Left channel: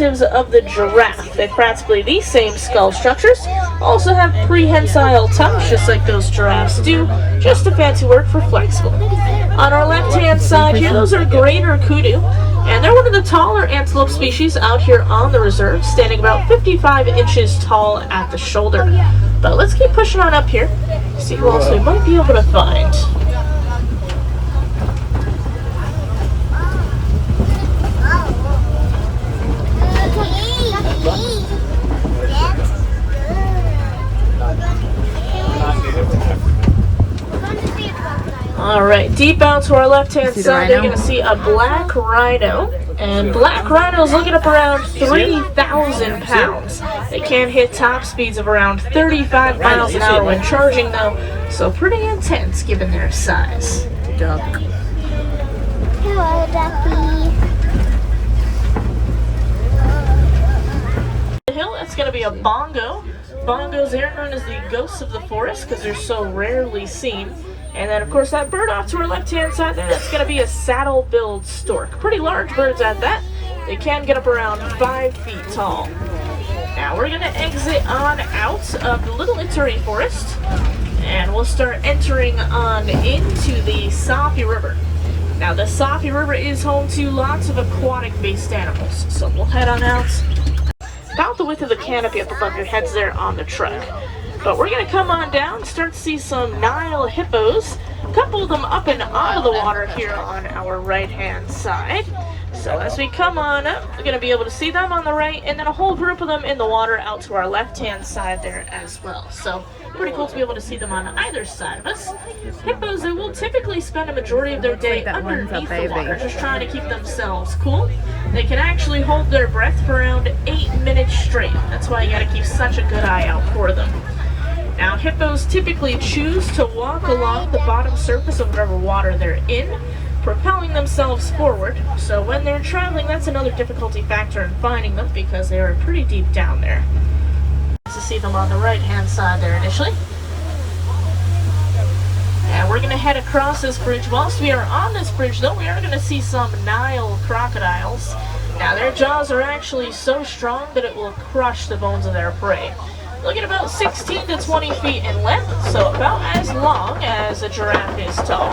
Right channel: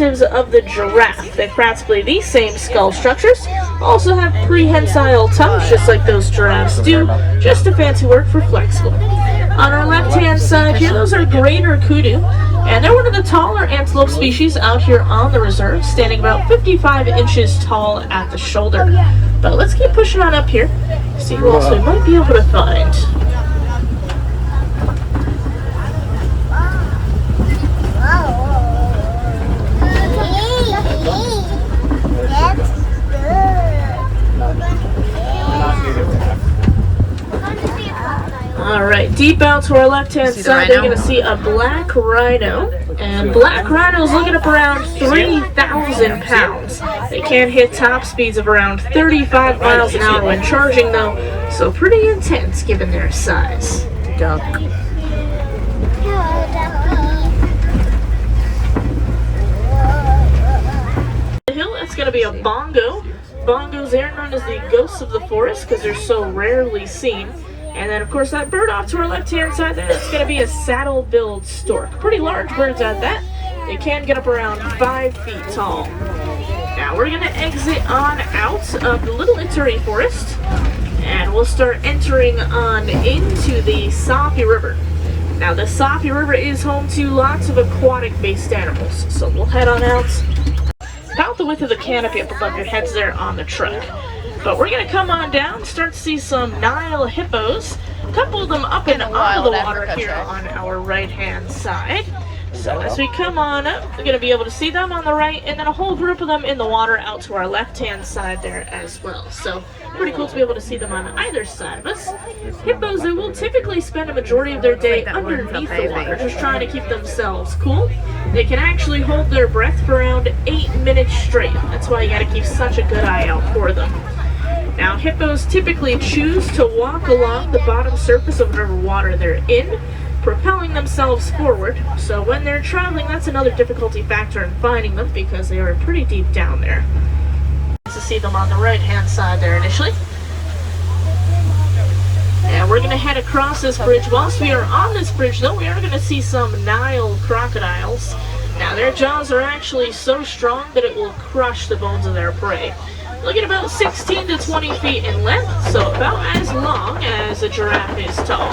Of the giraffe. They practically the same skull structures, also have prehensile tongues just like those giraffes do, just a fancy word for flexible. On our left hand side here, those are greater kudu, and they're one of the taller antelope species out here on the reserve, standing about 55 inches tall at the shoulder. But let's keep pushing on up here, see who else we might be able to find. Alright, deep out to our left-hand side, they're going to see a black rhino. And black rhinos looking up around 3,000 pounds. They can hit top speeds of around 35 miles an hour when charging, though, so pretty intense given their size. Duck. Hello, Ducky. The hill, that's going to be a bongo. Bongos are known as the ghosts of the forest because they're so rarely seen. And then, of course, that bird off to our left-hand side there, that's going to be a saddle-billed stork. Pretty large birds at that. They can get up around 5 feet tall. Now, we're going to exit on out of the Little Ituri Forest, and we'll start entering on into the Sapi River. Now, the Sapi River is home to lots of aquatic-based animals, so we'll head on out about the width of the canopy up above your heads there on the truck. But we're going to come on down, start to see some Nile hippos, a couple of them up and out of the water here on our right-hand side. So as we come on up, we're going to be able to see them on the right, and then a whole group of them in the water out to our left-hand side there as well. So pretty cool to be able to see them on either side of us. Hippos, they will typically spend a majority of their day underneath the water, just trying to keep themselves cool. They can actually hold their breath for around 8 minutes straight. That's why you got to keep such a good eye out for them. Now, hippos typically choose to walk along the bottom surface of whatever water they're in, propelling themselves forward. So when they're traveling, that's another difficulty factor in finding them because they are pretty deep down there. To see them on the right-hand side there initially. And we're going to head across this bridge. Whilst we are on this bridge, though, we are going to see some Nile crocodiles. Now, their jaws are actually so strong that it will crush the bones of their prey. Look at about 16 to 20 feet in length, so about as long as a giraffe is tall.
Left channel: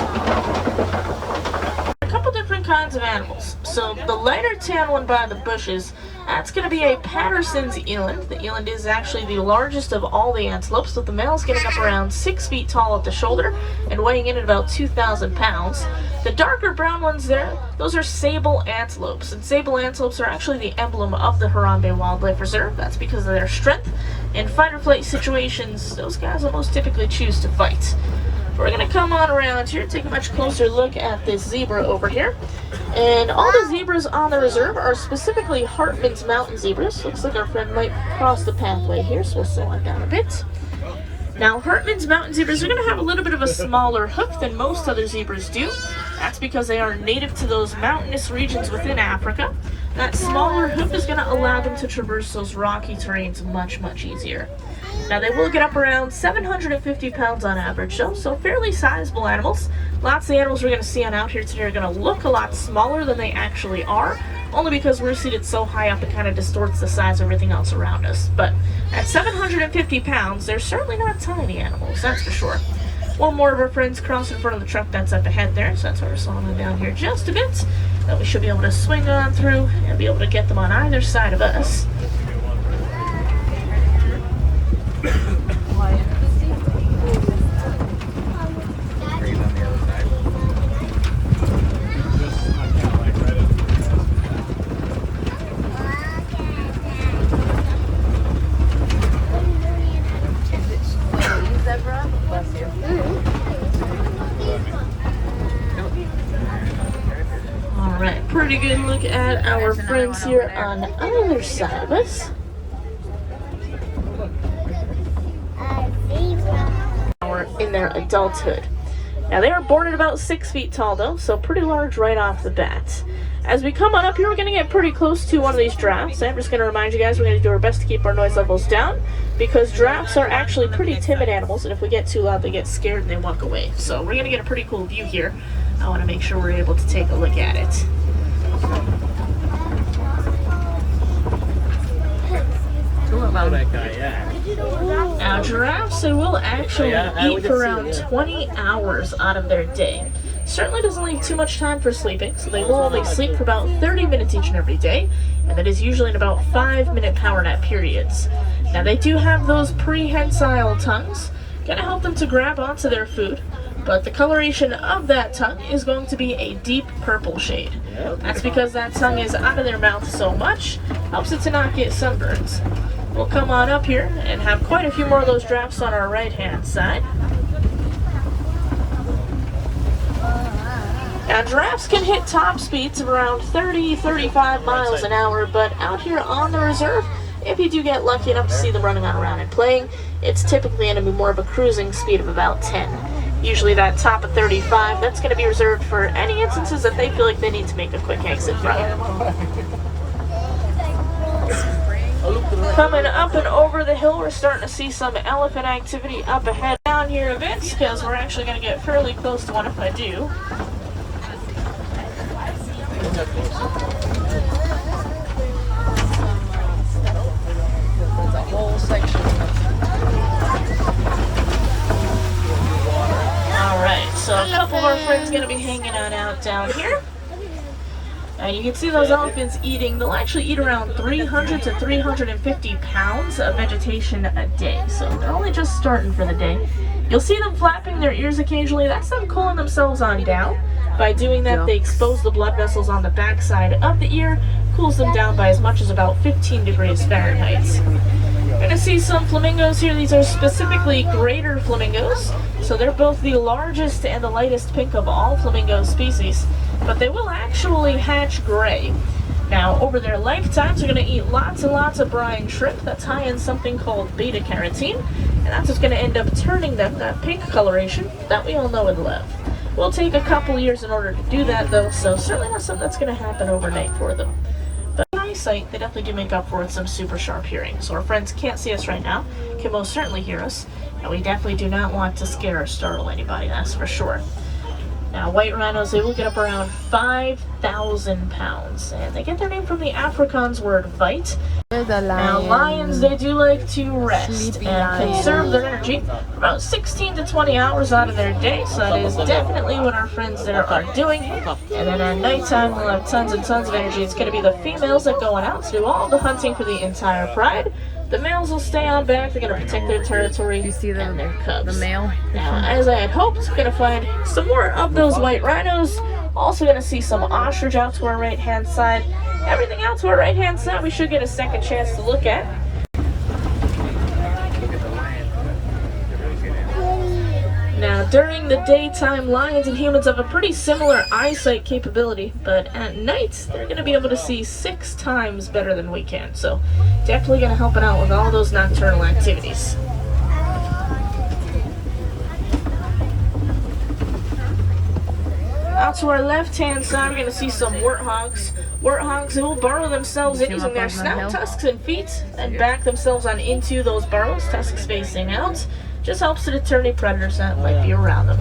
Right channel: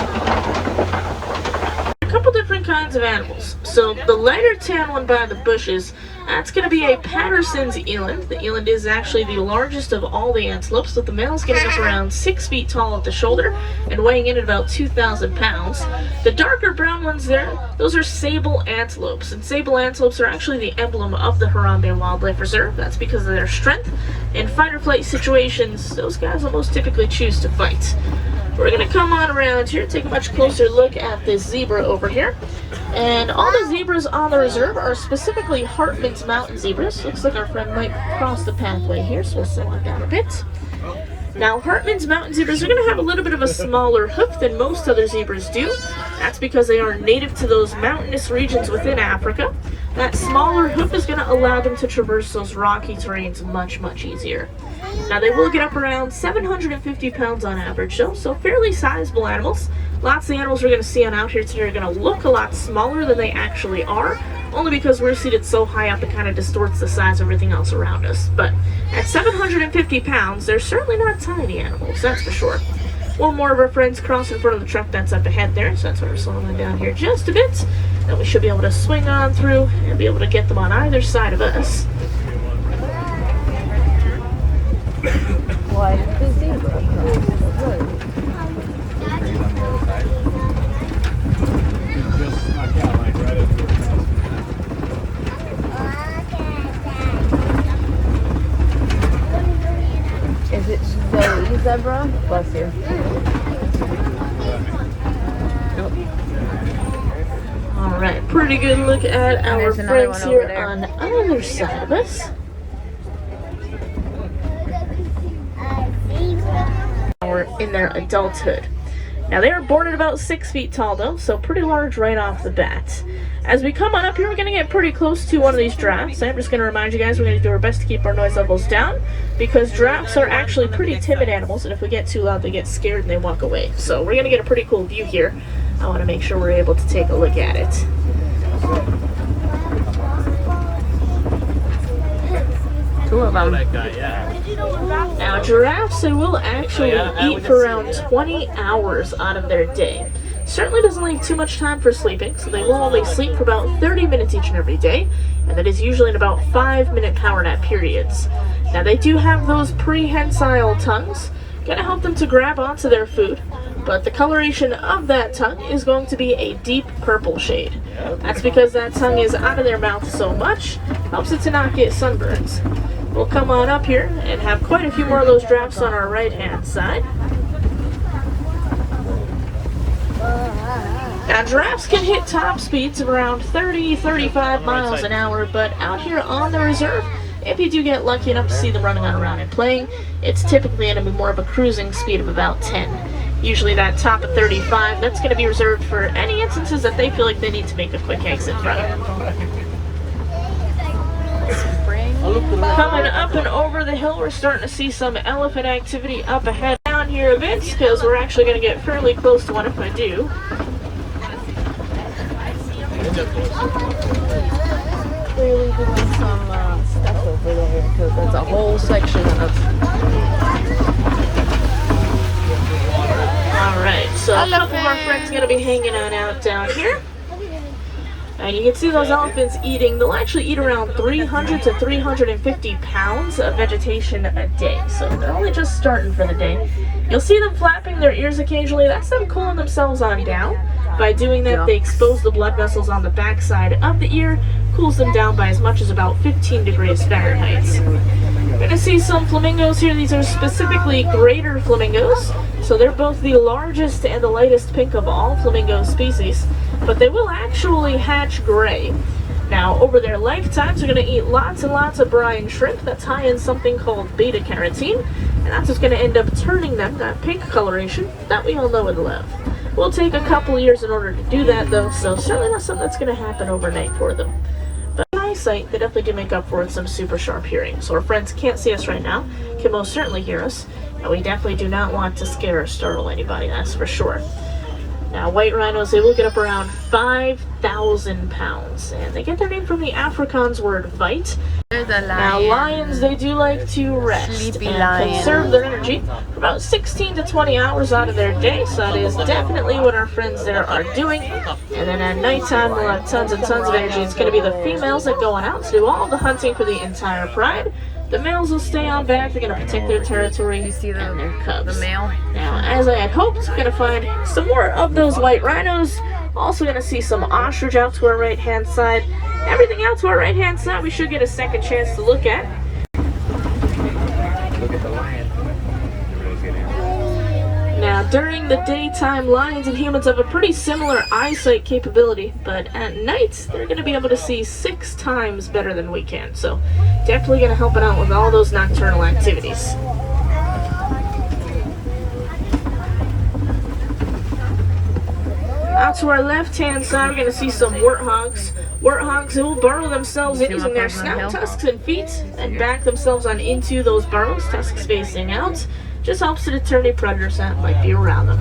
A couple different kinds of animals. So the lighter tan one by the bushes, that's going to be a Patterson's eland. The eland is actually the largest of all the antelopes, with the male's getting up around 6 feet tall at the shoulder and weighing in at about 2,000 pounds. The darker brown ones there, those are sable antelopes, and sable antelopes are actually the emblem of the Harambe Wildlife Reserve. That's because of their strength. In fight or flight situations, those guys will most typically choose to fight. We're going to come on around here, take a much closer look at this zebra over here. And all the zebras on the reserve are specifically Hartman's mountain zebras. Looks like our friend might cross the pathway here, so we'll slow it down a bit. Now, Hartman's mountain zebras are going to have a little bit of a smaller hoof than most other zebras do. That's because they are native to those mountainous regions within Africa. That smaller hoof is going to allow them to traverse those rocky terrains much, much easier. Now, they will get up around 750 pounds on average, though, so fairly sizable animals. Lots of the animals we're going to see on out here today are going to look a lot smaller than they actually are, only because we're seated so high up it kind of distorts the size of everything else around us. But at 750 pounds, they're certainly not tiny animals, that's for sure. One more of our friends cross in front of the truck that's up ahead there, so that's why we're slowing them down here just a bit. Then we should be able to swing on through and be able to get them on either side of us. Zebra? Bless you. Alright, pretty good look at our friends here on either side of us. We're in their adulthood. Now they are born at about 6 feet tall though, so pretty large right off the bat. As we come on up here, we're going to get pretty close to one of these giraffes. I'm just going to remind you guys we're going to do our best to keep our noise levels down, because giraffes are actually pretty timid animals, and if we get too loud, they get scared and they walk away. So we're going to get a pretty cool view here. I want to make sure we're able to take a look at it. of them. Now, giraffes, they will actually eat for around 20 hours out of their day. Certainly doesn't leave too much time for sleeping, so they will only sleep for about 30 minutes each and every day, and that is usually in about 5-minute power nap periods. Now, they do have those prehensile tongues, gonna help them to grab onto their food, but the coloration of that tongue is going to be a deep purple shade. That's because that tongue is out of their mouth so much, helps it to not get sunburns. We'll come on up here and have quite a few more of those giraffes on our right-hand side. Now, giraffes can hit top speeds of around 30-35 miles an hour, but out here on the reserve, if you do get lucky enough to see them running around and playing, it's typically going to be more of a cruising speed of about 10. Usually that top of 35, that's going to be reserved for any instances that they feel like they need to make a quick exit from. Coming up and over the hill, we're starting to see some elephant activity up ahead. Down here a bit, because we're actually going to get fairly close to one if I do. There's a whole section of... Alright, so a couple of our friends going to be hanging on out down here. And you can see those elephants eating. They'll actually eat around 300 to 350 pounds of vegetation a day. So they're only just starting for the day. You'll see them flapping their ears occasionally. That's them cooling themselves on down. By doing that, they expose the blood vessels on the backside of the ear, cools them down by as much as about 15 degrees Fahrenheit. You're going to see some flamingos here. These are specifically greater flamingos. So they're both the largest and the lightest pink of all flamingo species. But they will actually hatch gray. Now, over their lifetimes, they're going to eat lots and lots of brine shrimp that's high in something called beta-carotene. And that's what's going to end up turning them that pink coloration that we all know and love. Will take a couple years in order to do that, though, so certainly not something that's going to happen overnight for them. But in eyesight, they definitely do make up for it with some super sharp hearing. So our friends can't see us right now, can most certainly hear us, and we definitely do not want to scare or startle anybody, that's for sure. Now, white rhinos, they will get up around 5,000 pounds, and they get their name from the Afrikaans word vite. There's a lion. Now, lions, they do like to rest Sleepy and lion. conserve their energy for about 16 to 20 hours out of their day, so that is definitely what our friends there are doing. And then at nighttime, we'll have tons and tons of energy. It's going to be the females that going out to do all the hunting for the entire pride. The males will stay on back. They're going to protect their territory and their cubs. The male? Now, as I had hoped, we're going to find some more of those white rhinos. Also going to see some ostrich out to our right-hand side. Everything out to our right-hand side we should get a second chance to look at. Now, during the daytime, lions and humans have a pretty similar eyesight capability, but at night, they're going to be able to see 6 times better than we can. So, definitely going to help it out with all those nocturnal activities. Out to our left-hand side, we're going to see some warthogs. Warthogs who will burrow themselves in using their snout, tusks, and feet, and back themselves on into those burrows, tusks facing out. Just helps to deter any predators that might be around them.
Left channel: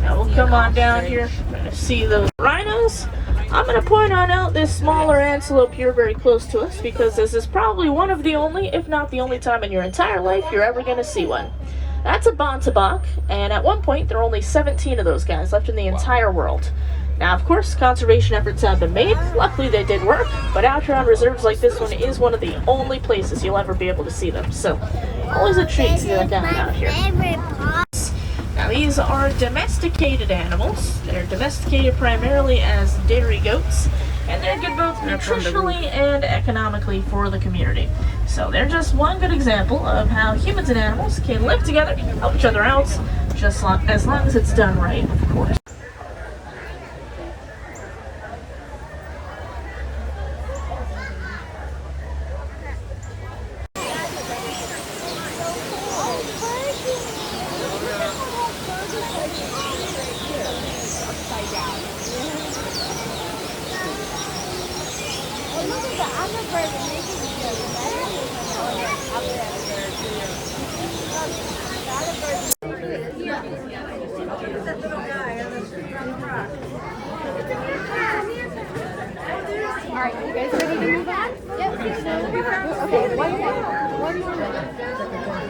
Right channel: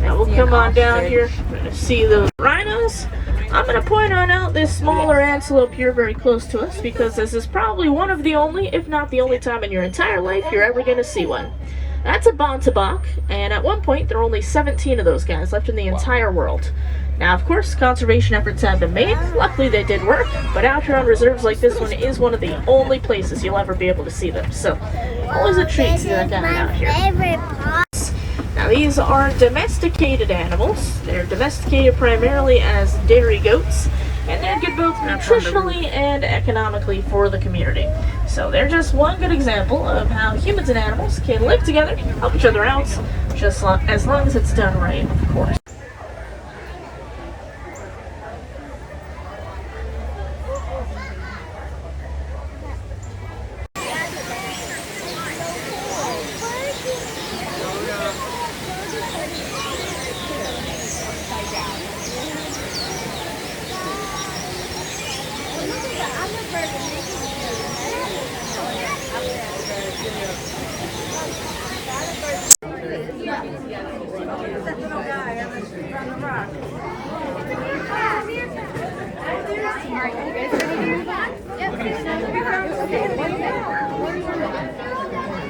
Now we'll come on down here. We're going to see those rhinos. I'm going to point on out this smaller antelope here very close to us because this is probably one of the only, if not the only time in your entire life you're ever going to see one. That's a bontabak, and at one point there are only 17 of those guys left in the entire world. Now, of course, conservation efforts have been made. Luckily, they did work, but out here on reserves like this one is one of the only places you'll ever be able to see them. So, always a treat to see that down out here. Now, these are domesticated animals. They're domesticated primarily as dairy goats, and they're good both nutritionally and economically for the community. So, they're just one good example of how humans and animals can live together, help each other out, just as long as it's done right, of course.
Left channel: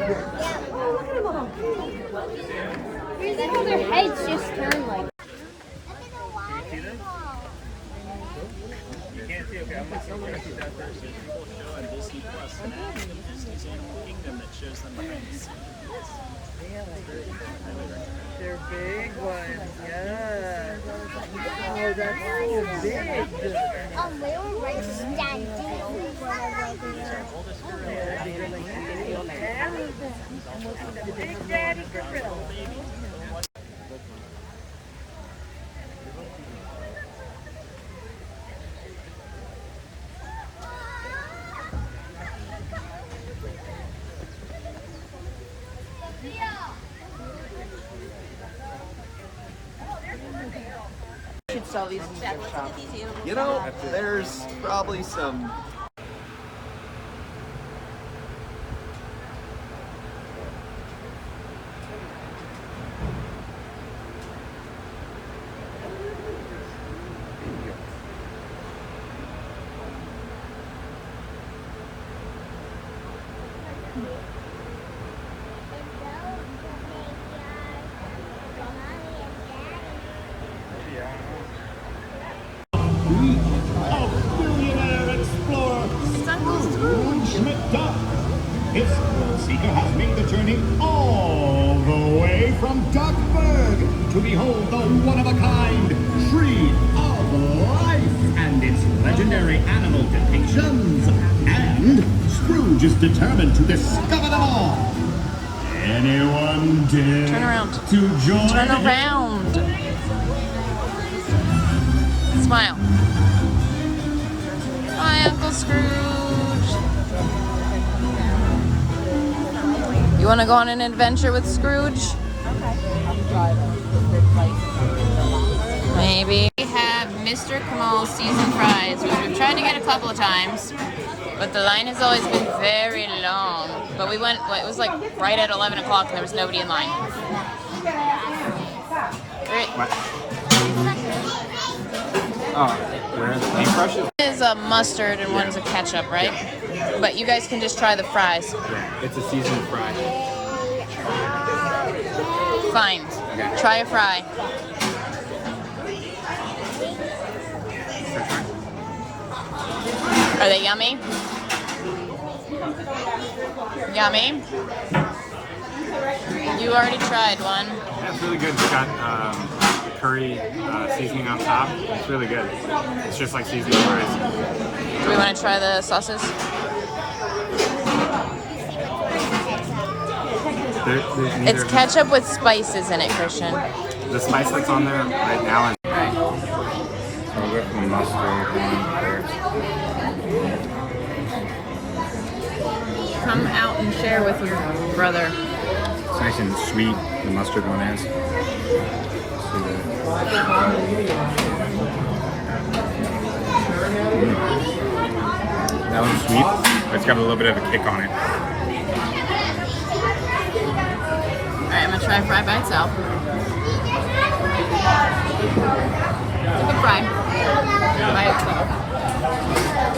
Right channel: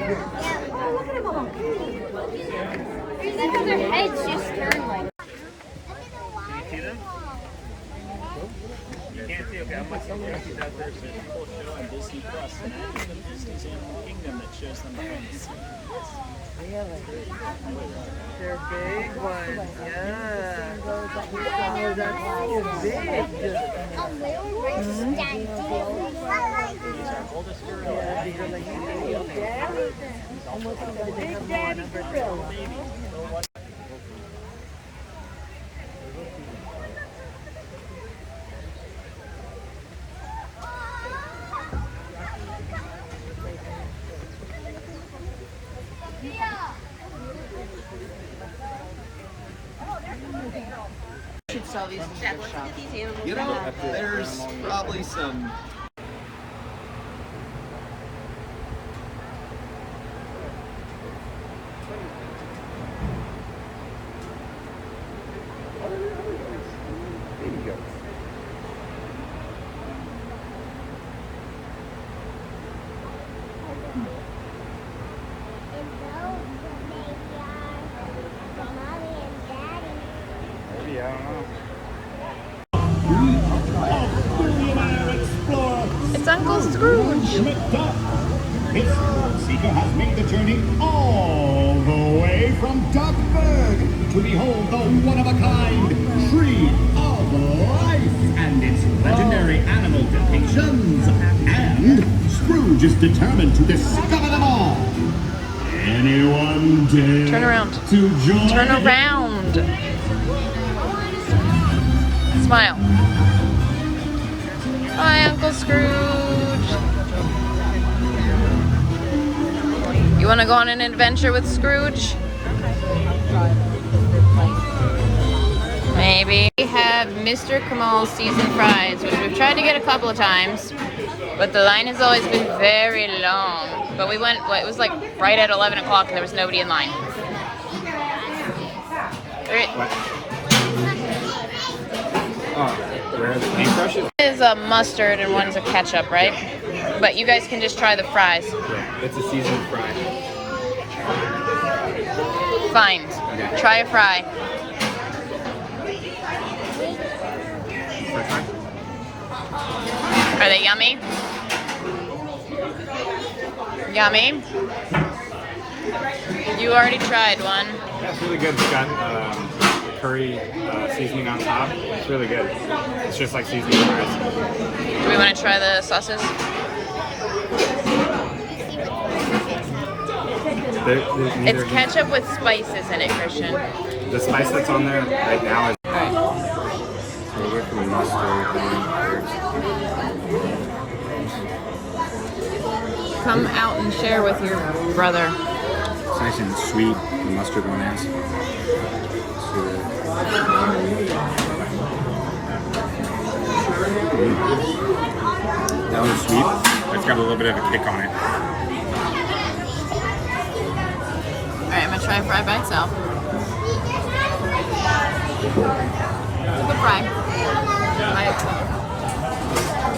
Because their heads just turn like. On Disney Plus, Disney's Animal Kingdom that shows them behind the scenes. They're big ones, yeah. Wow, that's so big. We were right standing. Yeah, they're like the big daddy gorilla. Should sell these in the shop. You know, there's probably some. A billionaire explorer. It's Uncle Scrooge. McDuck. His thrill seeker has made the journey all the way from Duckburg to behold the one-of-a-kind Tree of Life and its legendary animal depictions. And Scrooge is determined to discover them all. Anyone dare Turn around. to join Turn him? around. Smile. Hi, Uncle Scrooge. You want to go on an adventure with Scrooge? Maybe. We have Mr. Kamal's seasoned fries, which we've tried to get a couple of times, but the line has always been very long. But we went, it was like right at 11 o'clock and there was nobody in line. Where are the paintbrushes? One is a mustard and one's a ketchup, right? But you guys can just try the fries. Yeah, it's a seasoned fry. Fine. Okay. Try a fry. First try? Are they yummy? Yummy? You already tried one. Yeah, it's really good. It's got the curry seasoning on top. It's really good. It's just like seasoning fries. Do we want to try the sauces? It's ketchup with spices in it, Christian. The spice that's on there right now is. So we'll go from mustard and Come out and share with your brother. it's nice and sweet. The mustard one is. That one's sweet. It's got a little bit of a kick on it. Alright, I'm gonna try fry by itself. Take a fry. Right.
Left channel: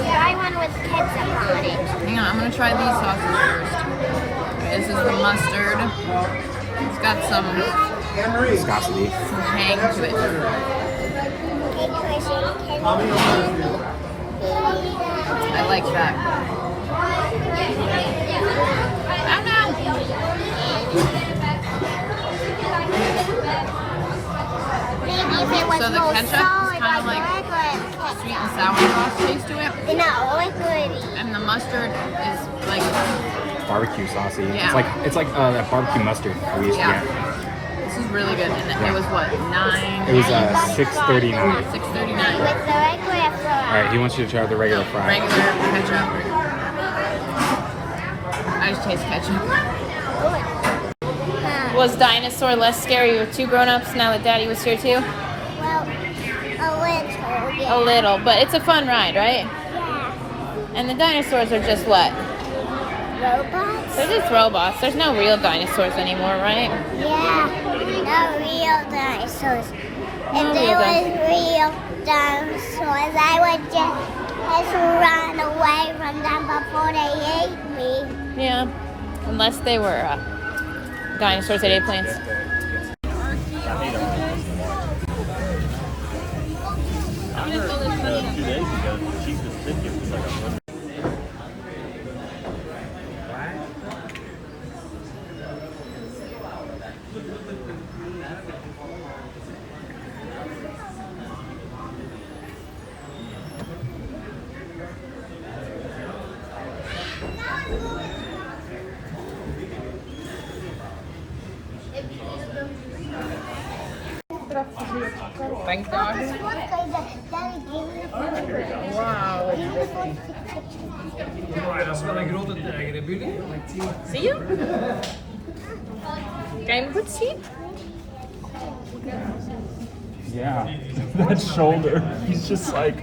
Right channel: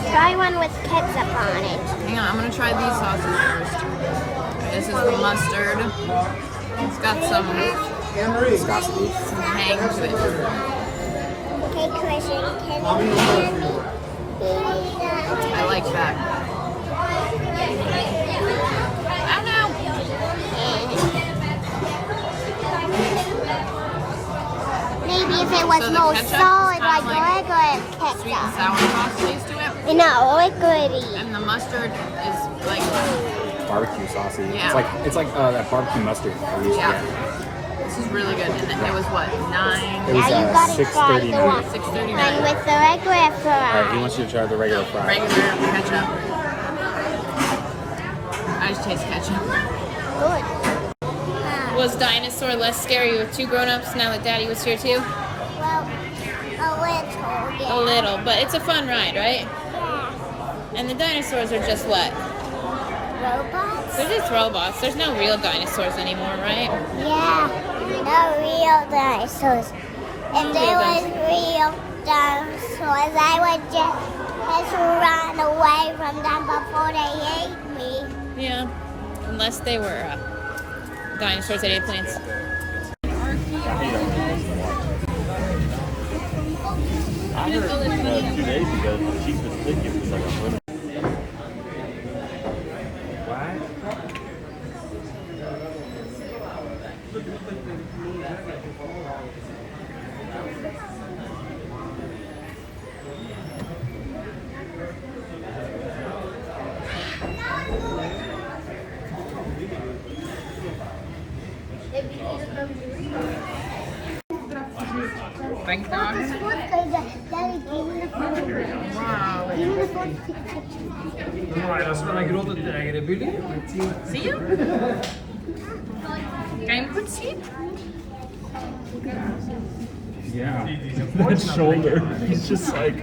Try one with ketchup on it. Hang on, I'm gonna try these sauces first. Alright, this is the mustard. It's got some hang to it. Okay, Chrissy, can you I like that. Oh no! Maybe if it was So the more ketchup solid, is kind of like regular ketchup. sweet and sour sauce taste to it. No, liquidy. And the mustard is like, Barbecue sauce. Yeah. It's like barbecue mustard. yeah. This is really good. And it was what, It was 6:39. 6:39. With the regular fry. Alright, he wants you to try the No, regular fry. regular ketchup. I just taste ketchup. Was Dinosaur less scary with two grown-ups now that Daddy was here too? Well, a little, yeah. A little, but it's a fun ride, right? Yeah. And the dinosaurs are just what? Robots? They're just robots. There's no real dinosaurs anymore, right? Yeah. No real dinosaurs. No If there real was real dinosaurs, I would just run away from them before they ate me. Yeah. Unless they were dinosaurs that ate planes. I heard 2 days ago the cheapest ticket was like Thanks, dog. See you? Kan je me goed zien? yeah, that shoulder. He's just like.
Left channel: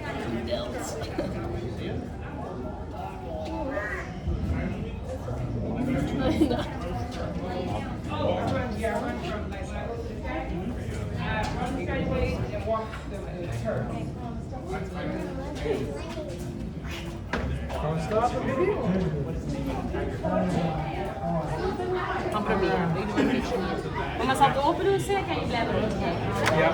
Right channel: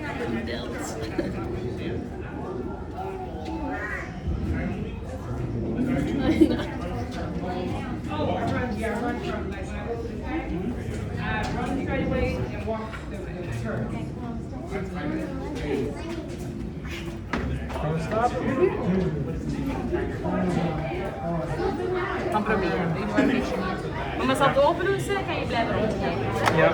Kan proberen. Ik doe een beetje niet. Maar als dat open doet, kan je blijven openen. Ja.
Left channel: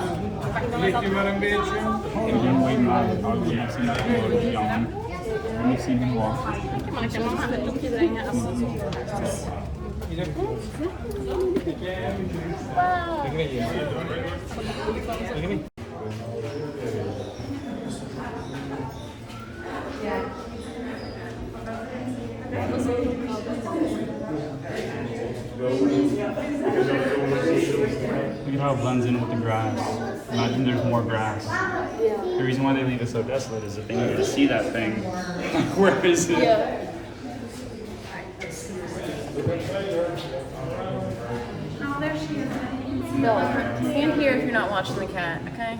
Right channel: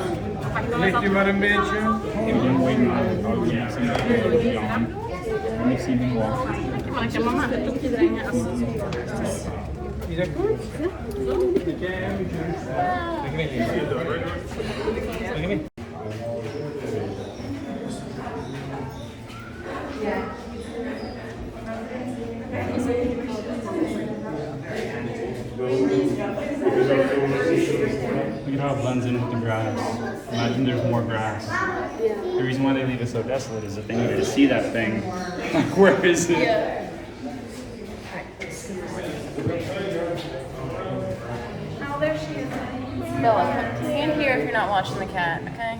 Ligt u maar een beetje. I've been waiting on the road to see the John. Let me see him walk. Maar ik heb mama een doekje brengen als dat zo is. Is dat goed? Look at how it blends in with the grass. Imagine there's more grass. The reason why they leave it so desolate is that they needed to see that thing. Like, where is it? Oh, there she is. Bella, stand here if you're not watching the cat, okay?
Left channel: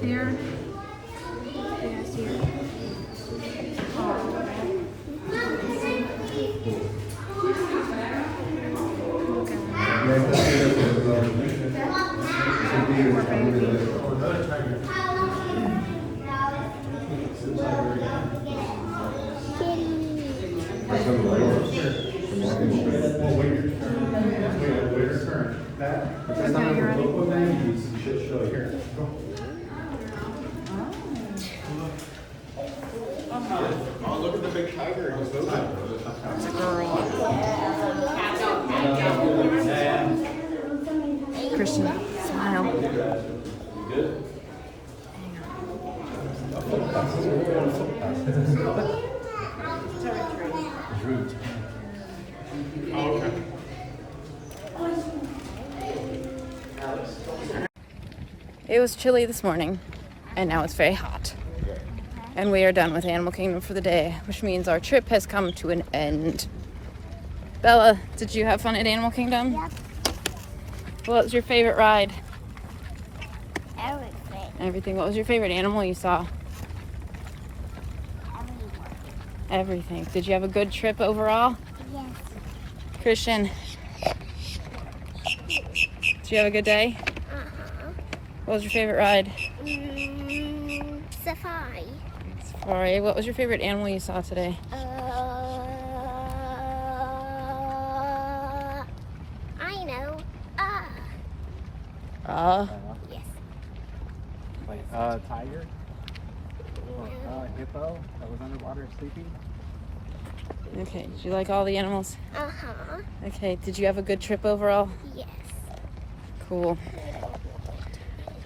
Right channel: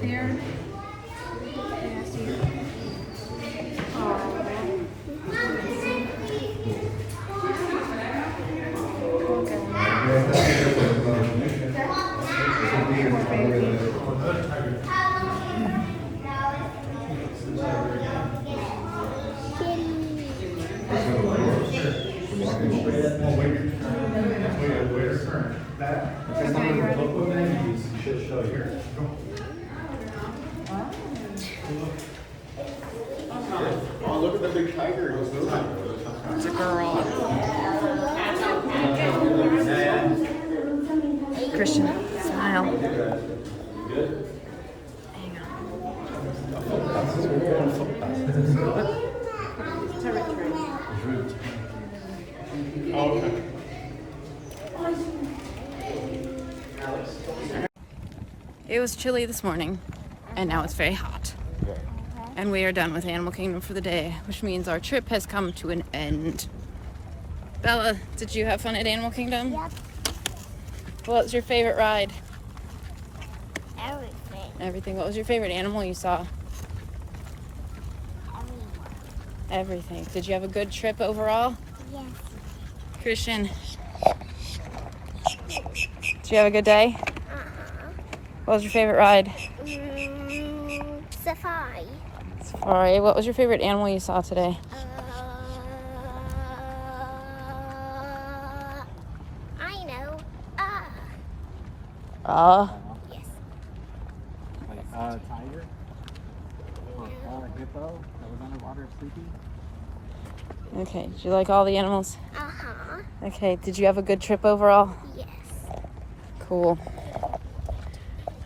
See her? Oh, look at the big tiger. He's moving. It's a girl. Christian, smile. It was chilly this morning, and now it's very hot. And we are done with Animal Kingdom for the day, which means our trip has come to an end. Bella, did you have fun at Animal Kingdom? Yep. What was your favorite ride? Everything. Everything. What was your favorite animal you saw? Everyone. Everything. Did you have a good trip overall? Yes. Christian, did you have a good day? Uh-huh. What was your favorite ride? Safari. Safari. What was your favorite animal you saw today? I know. Yes. Wait, tiger? Hippo that was underwater sleeping? Okay. Did you like all the animals? Uh-huh. Okay. Did you have a good trip overall? Yes. Cool.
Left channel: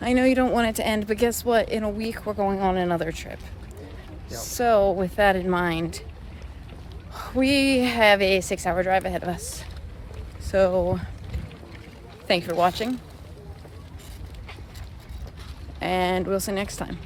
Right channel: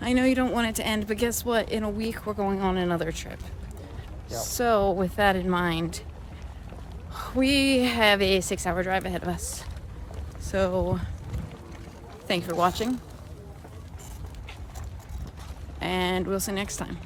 I know you don't want it to end, but guess what? In a week, we're going on another trip. So, with that in mind, we have a 6-hour drive ahead of us. So, thanks for watching. And we'll see you next time.